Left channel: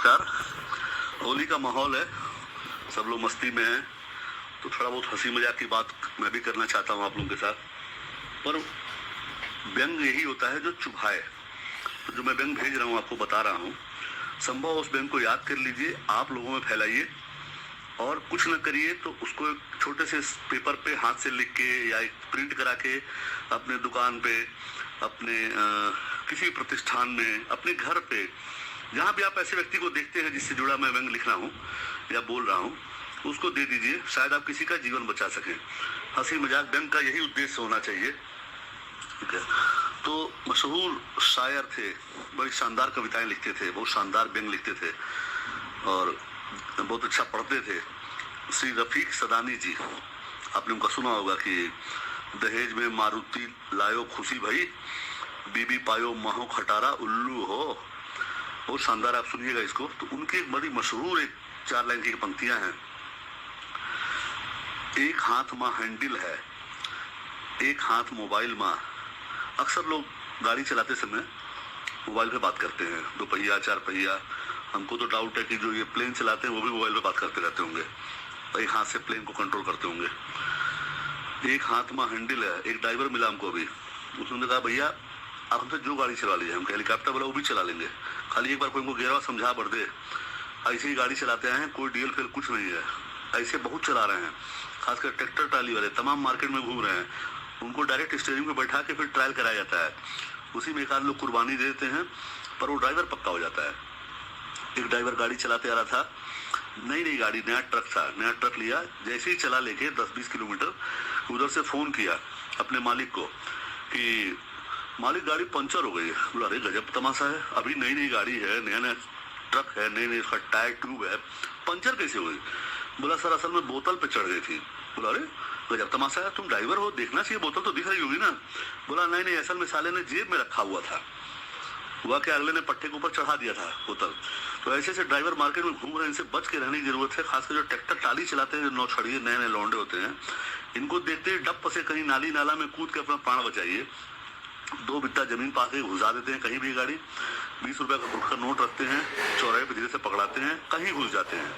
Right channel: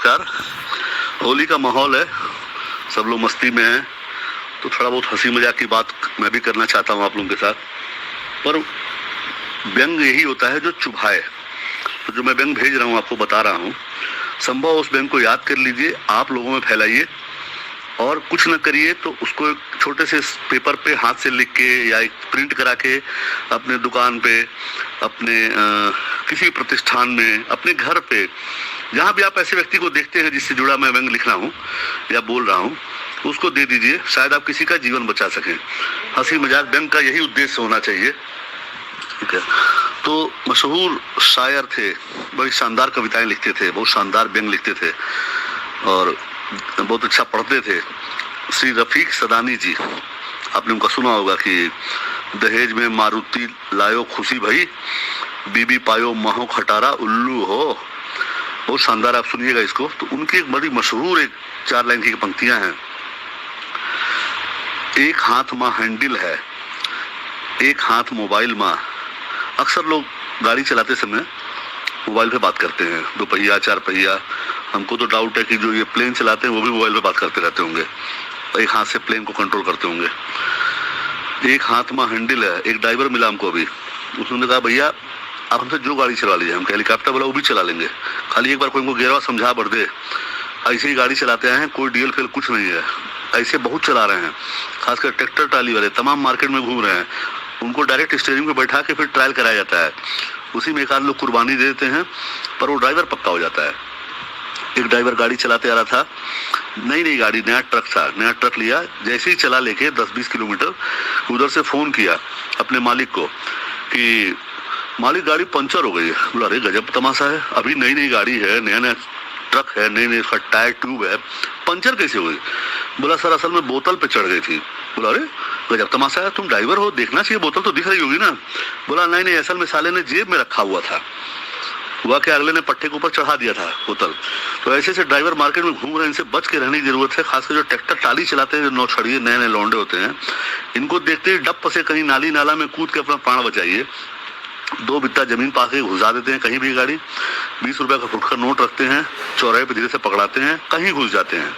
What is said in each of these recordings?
यार होली का माहौल है, सब लोग मस्ती में हैं, तो थोड़ा बहुत हंसी मजाक की बात मैं भी करना चाहता हूँ आप लोगों के साथ। पर व्यंग यही होता है जो चुभाए। तो जो मैं व्यंग भेज रहा हूँ, आपको बता रहा हूँ, संभव उस व्यंग को याद कर लीजिए, आप लोगों में फैलाइए और कुछ न करिए तो उसको एक छोटे से पेपर पे हाथ से लिख के या एक प्रिंट करा के अपने दुकान पे, अपने किसी प्रतिष्ठान में, अपने घर पे, जहाँ भी आप ऐसे व्यक्ति को देखते हैं जिससे जुड़ा मैं व्यंग लिख रहा हूँ या बोल रहा हूँ, उसको दे दीजिए। शायद आप किसी का जीवन बचा सकें। हंसी मजाक व्यंग का यही उद्देश्य होना चाहिए, ठीक है। तो मशहूर शायर थे, बड़ी शानदार कविताएं लिखते थे, बहुत शानदार व्यंग लिखते थे और बहुत अच्छा पढ़ते थे, श्री रफीक सदानी जी। आपने उनका सुना होगा कि दहेज में मारुति लायो खुशी भई, बीबी पायो महो खटारा उल्लू हो। बहुत शानदार, आप सुनिएगा इसको। तो उनकी एक बड़ी मशहूर एक 4 लाइन की पंक्तियां हैं। एक हाथ माँ हैंडल है, एक हाथ मोबाइल माँ। अक्सर लोग गाड़ी चलाते समय मोबाइल पे बात करते हैं, 2 पहिया 4 पहिया। हमको तो डाउट है कि जो ये प्लेन चलाते हैं वो भी मोबाइल पे बात करते रहते होंगे, एक हाथ से प्लेन को कंट्रोल करते होंगे। एक हाथ में हैंडल है। एक ड्राइवर मिला हमको अभी, उसने कहा भैया आप हमसे जो गाड़ी चला लीजिए। हम हेलीकॉप्टर बोला वो भी चला लेंगे, खाली एक बार कोई इनको गिरवा समझा बढ़ दे। ऐसे ही गाड़ी चलाते हैं, कोई डीएल फेल कुछ नहीं है, ऐसे बहुत चला रहे हैं। खासकर ट्रैक्टर ट्राली वाले तमाम मार्केट में घूम रहे हैं, उनको डायरेक्ट स्टीयरिंग पे बैठा के फिर ट्रायल कराया जाता है। उसी में एक आध लोग कुर्बानी दे देते हैं, पर वो ड्राइवर पक्का हो जाता है। एक ड्राइवर गाड़ी चलाते आ रहा था, नई गाड़ी, नया ट्रक था, नया ट्रक लिया। जैसे ही चला लेके 10-20 किलोमीटर, उधर से फोन किया अपने मालिक को कि मालिक गाड़ी पंचर हो गई है। बोला अरे गजब तमाशा है, अभी नई गाड़ी है, नया नया ट्रक है, नई उसका टायर ट्यूब है, पंचर कैसे हुई? बोला सर असल में बोतल पे चढ़ गई थी। बोला अरे गजब तमाशा है, तुम ड्राइवर हो, देखना चाहिए, बोतल तो दिख रही होगी ना। बोला नहीं असल में साले ने जेब में रखा हुआ था, हुआ कि अगले ने पट्टे के ऊपर चढ़ा दिया था बोतल। तो ऐसे से ड्राइवर मार्केट में घूम रहे हैं, इनसे बच के रहने की जरूरत है। खासकर जो ट्रैक्टर टाली चलाते हैं, जो नौछड़िए नए नए लौंडे होते हैं, इनको देखते ही डप से कहीं नाली नाला में कूद के अपना प्राण बचाइए। 2 बित्ता जमीन पास के घुसा देते हैं कहीं भी गाड़ी, 20 रुपए का फुटकर नोट रखते हैं, चौराहे पे धीरे से पकड़ाते हैं, कहीं घुस जाते हैं।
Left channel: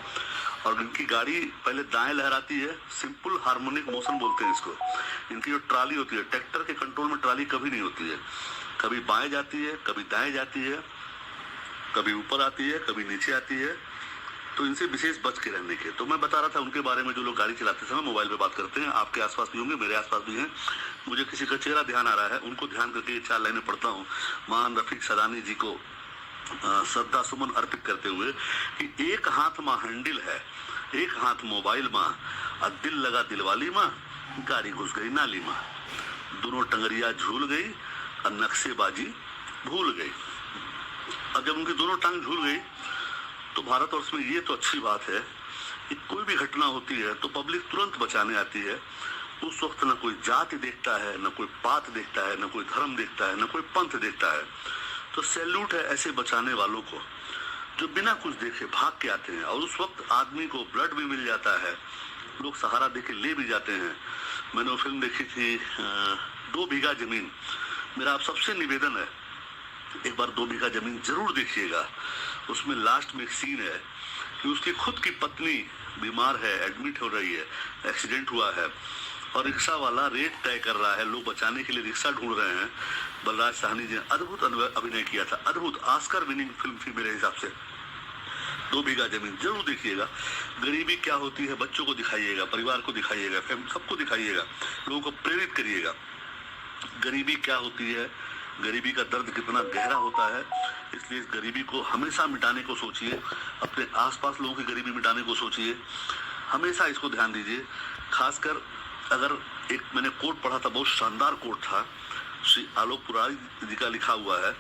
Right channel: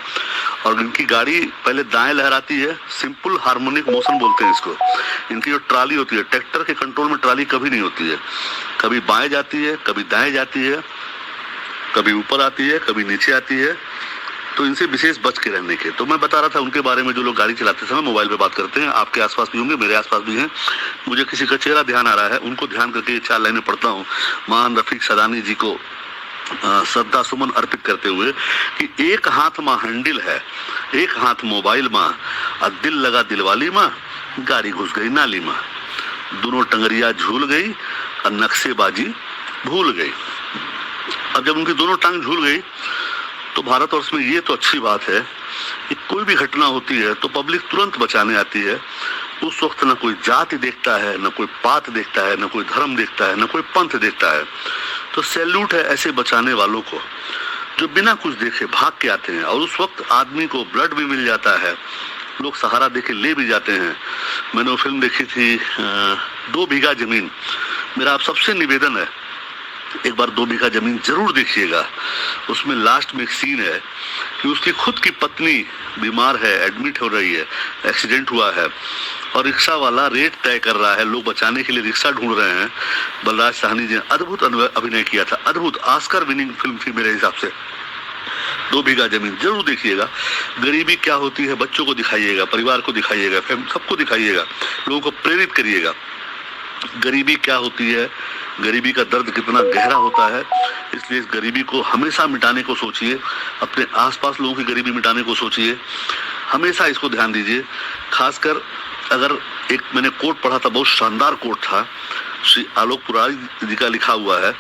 और इनकी गाड़ी पहले दाएं लहराती है, सिंपल हार्मोनिक मोशन बोलते हैं इसको। इनकी जो ट्राली होती है, ट्रैक्टर के कंट्रोल में ट्राली कभी नहीं होती है, कभी बाएं जाती है, कभी दाएं जाती है, कभी ऊपर आती है, कभी नीचे आती है। तो इनसे विशेष बच के रहने के। तो मैं बता रहा था उनके बारे में, जो लोग गाड़ी चलाते समय मोबाइल पे बात करते हैं, आपके आसपास भी होंगे, मेरे आसपास भी हैं। मुझे किसी का चेहरा ध्यान आ रहा है, उनको ध्यान करके 4 लाइनें पढ़ता हूँ महान रफीक सदानी जी को श्रद्धा सुमन अर्पित करते हुए कि एक हाथ माँ हैंडल है, एक हाथ मोबाइल माँ, और दिल लगा दिलवाली माँ, गाड़ी घुस गई नाली माँ। दोनों टंगरिया झूल गई और नक्शेबाजी भूल गई। अब जब उनकी दोनों टांग झूल गई तो भारतवर्ष में ये तो अच्छी बात है कि कोई भी घटना होती है तो पब्लिक तुरंत बचाने आती है। उस वक्त न कोई जाति देखता है, न कोई पात देखता है, न कोई धर्म देखता है, न कोई पंथ देखता है। तो सैल्यूट है ऐसे बचाने वालों को जो बिना कुछ देखे भाग के आते हैं। और उस वक्त आदमी को ब्लड भी मिल जाता है, लोग सहारा देके ले भी जाते हैं। मैंने वो फिल्म देखी थी 2 बीघा जमीन। मेरा आप सबसे निवेदन है, एक बार 2 बीघा जमीन जरूर देखिएगा। उसमें लास्ट में एक सीन है कि उसकी खुद की पत्नी बीमार है, एडमिट हो रही है, एक्सीडेंट हुआ है, और रिक्शा वाला रेट तय कर रहा है, लोग बचाने के लिए रिक्शा ढूंढ रहे हैं। बलराज साहनी जी ने अद्भुत अभिनय किया था, अद्भुत ऑस्कर विनिंग फिल्म थी मेरे हिसाब से। 2 बीघा जमीन जरूर देखिएगा। गरीबी क्या होती है बच्चों को दिखाइएगा, परिवार को दिखाइएगा, सबको दिखाइएगा, लोगों को प्रेरित करिएगा। गरीबी क्या होती है, गरीबी का दर्द कितना गहरा होता है, इसलिए इस गरीबी को हमेशा मिटाने को सोचिए, अपने आसपास लोगों की गरीबी मिटाने को सोचिए, हमेशा इसको ध्यान दीजिए। खासकर अगर एक मैंने कोट पढ़ा था, बहुत शानदार कोट था, श्री आलोक पुरारी जी का लिखा हुआ है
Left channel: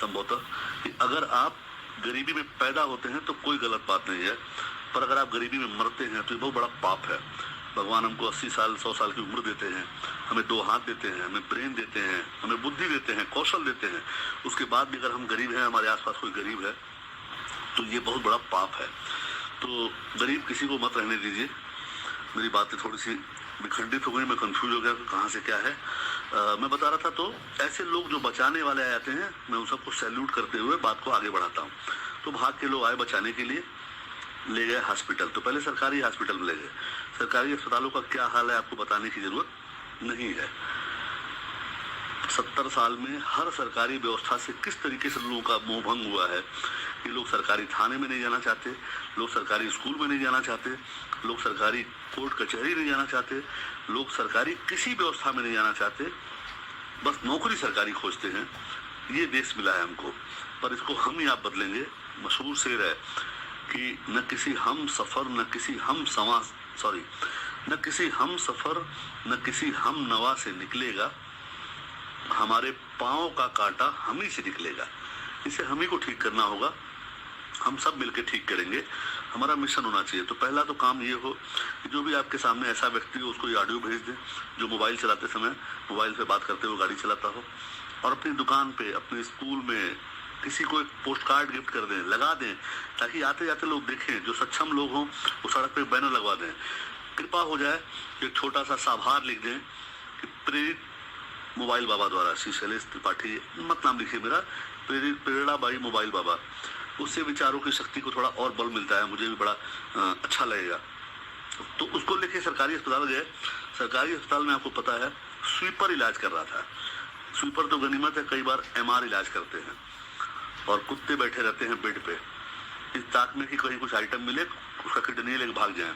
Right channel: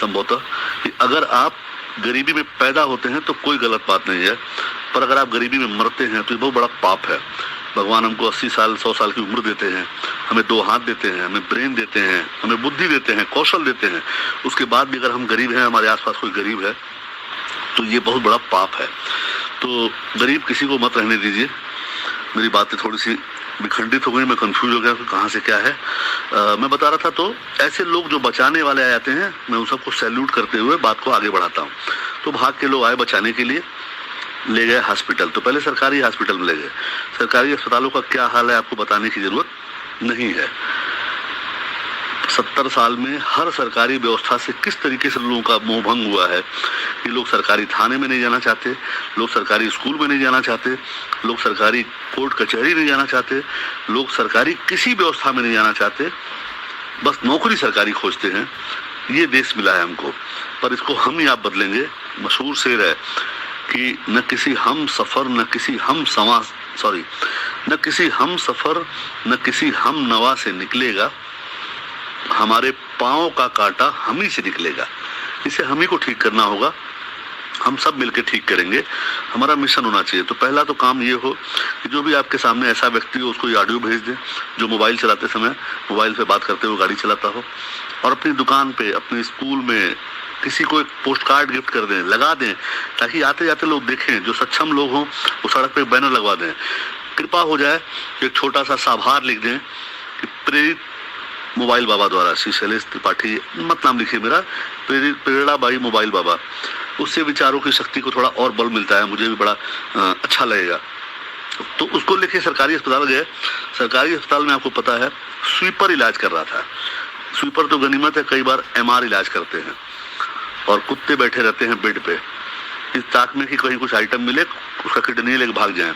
संभवतः, कि अगर आप गरीबी में पैदा होते हैं तो कोई गलत बात नहीं है, पर अगर आप गरीबी में मरते हैं तो ये बहुत बड़ा पाप है। भगवान हमको 80 साल 100 साल की उम्र देते हैं, हमें 2 हाथ देते हैं, हमें ब्रेन देते हैं, हमें बुद्धि देते हैं, कौशल देते हैं, उसके बाद भी अगर हम गरीब हैं, हमारे आसपास कोई गरीब है, तो ये बहुत बड़ा पाप है। तो गरीब किसी को मत रहने दीजिए। मेरी बातें थोड़ी सी विखंडित हो गई, मैं कंफ्यूज हो गया कि कहाँ से क्या है। मैं बता रहा था, तो ऐसे लोग जो बचाने वाले आ जाते हैं, मैं उन सबको सैल्यूट करते हुए बात को आगे बढ़ाता हूँ। तो भाग के लोग आए बचाने के लिए, ले गए हॉस्पिटल। तो पहले सरकारी हॉस्पिटल में ले गए। सरकारी अस्पतालों का क्या हाल है आपको बताने की जरूरत नहीं है। 70 साल में हर सरकारी व्यवस्था से किस तरीके से लोगों का मोह भंग हुआ है कि लोग सरकारी थाने में नहीं जाना चाहते, लोग सरकारी स्कूल में नहीं जाना चाहते, लोग सरकारी कोर्ट कचहरी नहीं जाना चाहते, लोग सरकारी किसी व्यवस्था में नहीं जाना चाहते, बस नौकरी सरकारी खोजते हैं। ये देश मिला है हमको, पर इसको हम ही आप बदलेंगे। मशहूर शेर है कि न किसी हम सफर न किसी हम नवा से निकलेगा, हमारे पाँव का कांटा हम ही से निकलेगा। इसे हम ही को ठीक करना होगा, हम सब मिलकर ठीक करेंगे। हमारा मिशन होना चाहिए। तो पहला तो काम ये हो कि जो भी आपके सामने ऐसा व्यक्ति हो उसको ये ऑडियो भेज दें जो मोबाइल चलाते समय मोबाइल पे बात करते हुए गाड़ी चलाता हो, और अपनी दुकान पे, अपने स्कूल में किसी को एक पोस्ट कार्ड गिफ्ट कर दें, लगा दें, ताकि आते जाते लोग देखें। जो सक्षम लोग हों वो सड़क पे बैनर लगवा दें। कृपा हो जाए एक छोटा सा साभार लिख दें कि प्रेरित मोबाइल बाबा द्वारा, श्री शैलेश त्रिपाठी मत नाम लिखिए मेरा, प्रेरणा बाई मोबाइल बाबा। उससे विचारों की शक्ति को थोड़ा और बल मिलता है, मुझे भी बड़ा अच्छा लगेगा। तो उसको लेके सरकारी अस्पताल गए। सरकारी अस्पताल में आपको पता है स्वीपर इलाज कर रहा था। स्वीपर तो गनीमत है, कई बार MR इलाज करते हैं और कुत्ते बैठे रहते हैं बेड पे, इस ताक में कि कहीं कुछ आइटम मिले उसका किडनी लेके भाग जाए।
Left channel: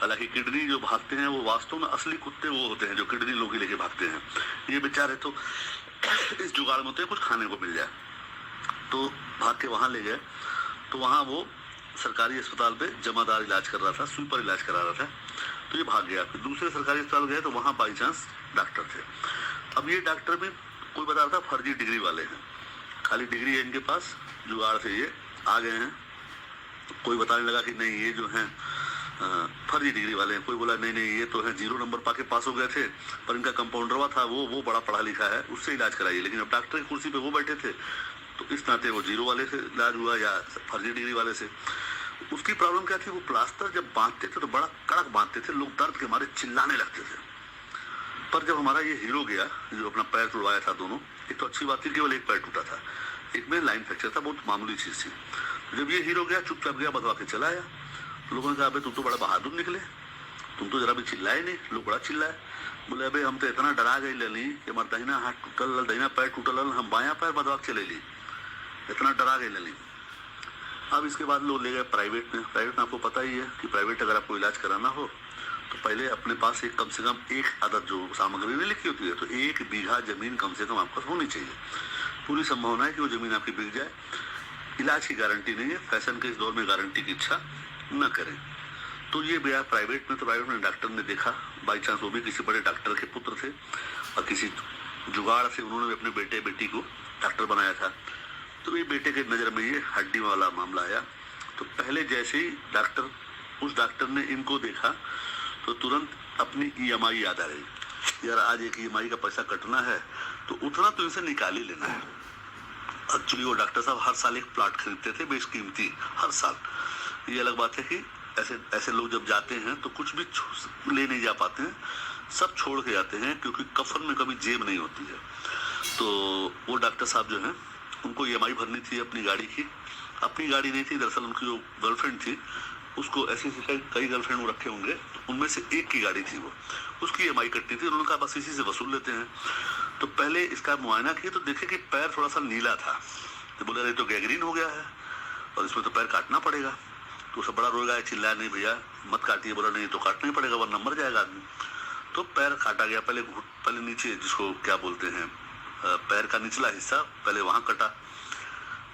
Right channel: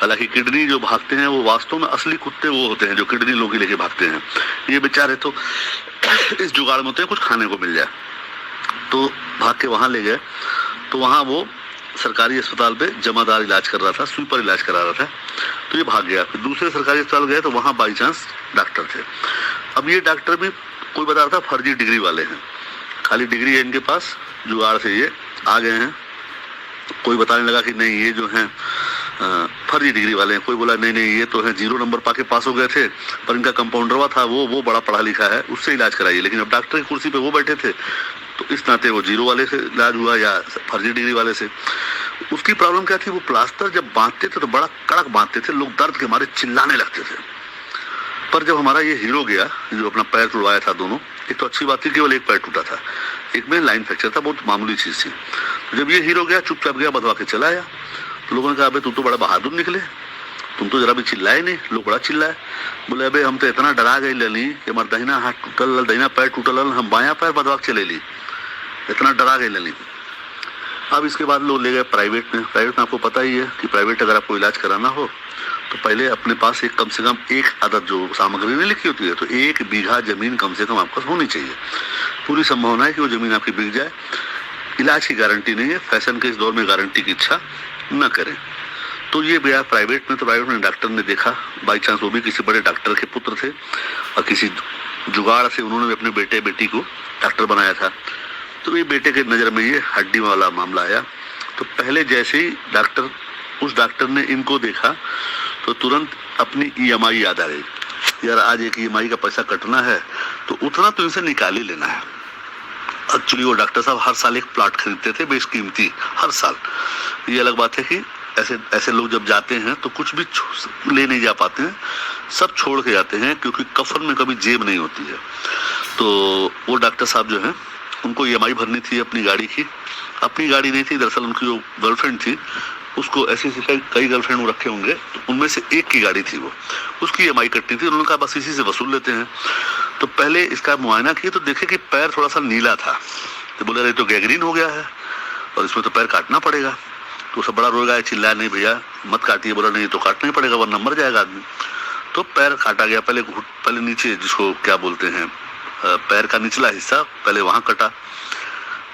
हालांकि किडनी जो भागते हैं वो वास्तव में असली कुत्ते वो होते हैं जो किडनी लोग ही लेके भागते हैं। ये बेचारे तो इस जुगाड़ में होते हैं कुछ खाने को मिल जाए। तो भाग के वहाँ ले गए। तो वहाँ वो सरकारी अस्पताल पे जमादार इलाज कर रहा था, स्वीपर इलाज करा रहा था। तो ये भाग गया। फिर दूसरे सरकारी अस्पताल गए तो वहाँ बाई चांस डॉक्टर थे। अब ये डॉक्टर भी कोई बता रहा था फर्जी डिग्री वाले हैं, खाली डिग्री है इनके पास, जुगाड़ से ये आ गए हैं। कोई बताने लगा कि नहीं ये जो हैं फर्जी डिग्री वाले हैं। कोई बोला नहीं ये तो है 0 नंबर पाके पास हो गए थे, पर इनका कंपाउंडरवा था वो बड़ा पढ़ा लिखा है, उससे इलाज कराइए। लेकिन अब डॉक्टर की कुर्सी पे वो बैठे थे तो इस नाते वो 0 वाले से इलाज हुआ या फर्जी डिग्री वाले से। उसकी प्रॉब्लम क्या थी, वो प्लास्टर जब बांधते थे तो बड़ा कड़क बांधते थे, लोग दर्द के मारे चिल्लाने लगते थे। पर जब हमारा ये हीरो गया जो अपना पैर टुटवाया था दोनों, एक तो अच्छी बात थी केवल एक पैर टूटा था, एक में लाइन फ्रैक्चर था, बहुत मामूली चीज थी। तो जब ये हीरो गया चुपचाप गया, बदवा के चला आया। तो लोगों ने कहा अबे तू तो बड़ा बहादुर निकले, तुम तो जरा भी चिल्लाए नहीं। लोग बड़ा चिल्लाए, बोले अबे हम तो इतना डरा गए लली कि हमारा दहिना हाथ टूटल, दहिना पैर टूटल, हम बायां पैर बदवा के चले ली, इतना डरा गए लली। अब इसके बाद लोग ले गए प्राइवेट में। प्राइवेट में आपको पता ही है कि प्राइवेट अगर आपको इलाज कराना हो तो पहले अपने पास एक कम से कम एक आदत जो सामग्री नहीं लिखी होती है, तो 1 बीघा जमीन कम से कम आपके पास होनी चाहिए। पूरी संभावना है कि वो जमीन आपकी बिक जाए। इलाज की गारंटी नहीं है, फैशन के इस दौर में गारंटी की इच्छा न करें। तो ये गया प्राइवेट में। तो प्राइवेट में डॉक्टर ने देखा, बाई चांस वो भी किसी बड़े डॉक्टर के पुत्र थे और किसी जुगाड़ से उन्होंने भी अपने बेटे बेटी को डॉक्टर बनाया था। तो ये बेटे के नज़र में ये हड्डी वाला मामला आया। तो पहले जैसे ही उस डॉक्टर ने इनको देखा तो तुरंत अपनी EMI याद आ गई, यार आज एक EMI का पैसा कटना है तो उतना तो इनसे निकाल ही लेना है। एक्चुअली वो डॉक्टर साहब हर साल एक प्लॉट खरीदते थे बेशकीमती, हर साल। ये अलग बात है कि ऐसे लोग जब जाते हैं तो कुछ भी ले नहीं जा पाते हैं, सब छोड़ के जाते हैं, क्योंकि कफन में कभी जेब नहीं होती है। तो वो डॉक्टर साहब जो हैं उनको EMI भरनी थी अपनी गाड़ी की। अपनी गाड़ी नहीं थी, दरअसल उनकी जो गर्लफ्रेंड थी उसको ऐसी कई गर्लफ्रेंड वो रखे होंगे, उनमें से एक की गाड़ी थी, वो उसकी EMI कटनी थी। उन्होंने कहा बस इसी से वसूल लेते हैं। तो पहले इसका मुआयना किए तो देखे कि पैर थोड़ा सा नीला था। तो बोले अरे तो गैंग्रीन हो गया है और इसमें तो पैर काटना पड़ेगा। तो सब बड़ा रोएगा, चिल्लाया नहीं भैया मत काटिए। बोला नहीं तो काटना ही पड़ेगा वरना मर जाएगा आदमी। तो पैर काटा गया। पहले नीचे, जिसको क्या बोलते हैं, पैर का निचला हिस्सा पहले वहां कटा,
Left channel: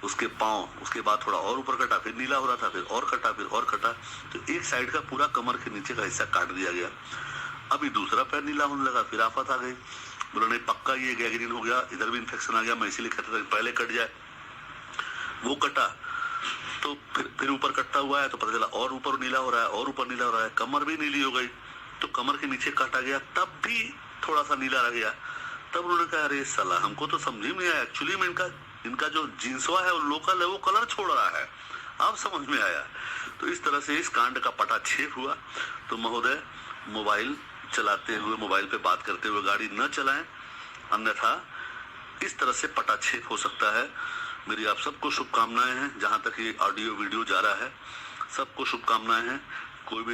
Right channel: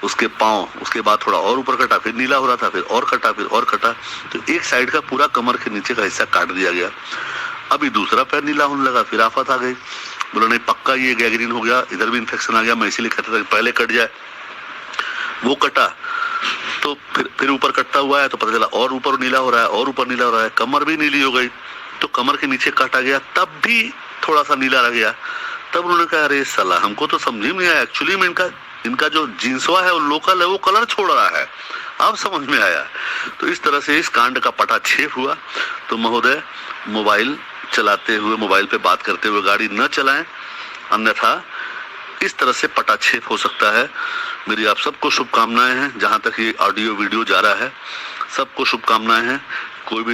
उसके पाँव, उसके बाद थोड़ा और ऊपर कटा, फिर नीला हो रहा था, फिर और कटा, फिर और कटा। तो एक साइड का पूरा कमर के नीचे का हिस्सा काट दिया गया। अभी दूसरा पैर नीला होने लगा, फिर आफत आ गई। बोला नहीं पक्का ये गैंग्रीन हो गया, इधर भी इन्फेक्शन आ गया, मैं इसीलिए कहता था पहले कट जाए। वो कटा तो फिर ऊपर कटता हुआ है तो पता चला और ऊपर नीला हो रहा है, और ऊपर नीला हो रहा है, कमर भी नीली हो गई। तो कमर के नीचे काटा गया, तब भी थोड़ा सा नीला रह गया। तब उन्होंने कहा अरे साला हमको तो समझ में आया, एक्चुअली में इनका जो जींसवा है वो लोकल है, वो कलर छोड़ रहा है। अब समझ में आया। तो इस तरह से इस कांड का पटाक्षेप हुआ। तो महोदय मोबाइल चलाते हुए, मोबाइल पे बात करते हुए गाड़ी न चलाएं, अन्यथा इस तरह से पटाक्षेप हो सकता है। मेरी आप सबको शुभकामनाएं हैं। जहां तक ये ऑडियो वीडियो जा रहा है, सबको शुभकामनाएं हैं। कोई भी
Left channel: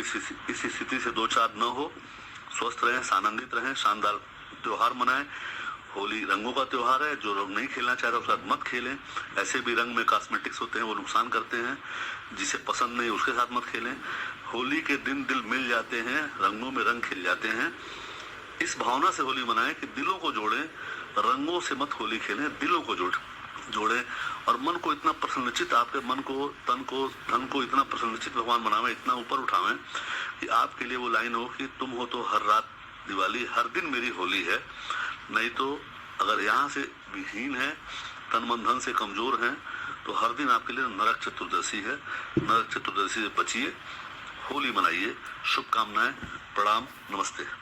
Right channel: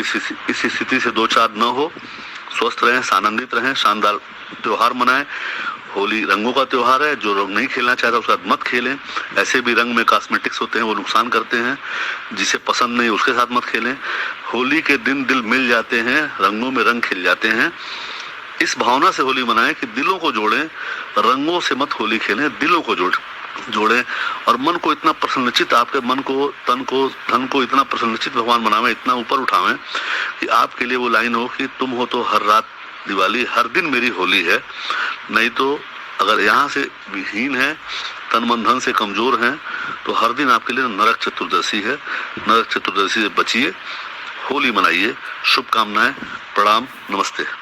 इस स्थिति से दो चार न हो, स्वस्थ रहें, आनंदित रहें, शानदार त्योहार मनाएं। होली रंगों का त्योहार है। जो रंग नहीं खेलना चाहता उसके साथ मत खेलें। ऐसे भी रंग में कॉस्मेटिक्स होते हैं, वो नुकसान करते हैं। जिसे पसंद नहीं उसके साथ मत खेलें। होली के दिन दिल मिल जाते हैं, रंगों में रंग खिल जाते हैं। इस भावना से होली मनाएं कि दिलों को जोड़ें, रंगों से मत होली खेलें, दिलों को जोड़ें और मन को इतना प्रसन्नचित, आपके मन को, तन को, धन को इतना प्रसन्नचित भगवान बनावे, इतना ऊपर उठावें कि आपके लिए वो लाइन हो कि तुम हो तो हर रात दिवाली, हर दिन मेरी होली है। नहीं तो अगर यहाँ से विहीन है, तन मन धन से कमजोर हैं, तो हर दिन आपके लिए नरक चतुर्दशी है। नरक चतुर्दशी से बचिए, होली मनाइए। शुभकामनाएं, प्रणाम, नमस्ते।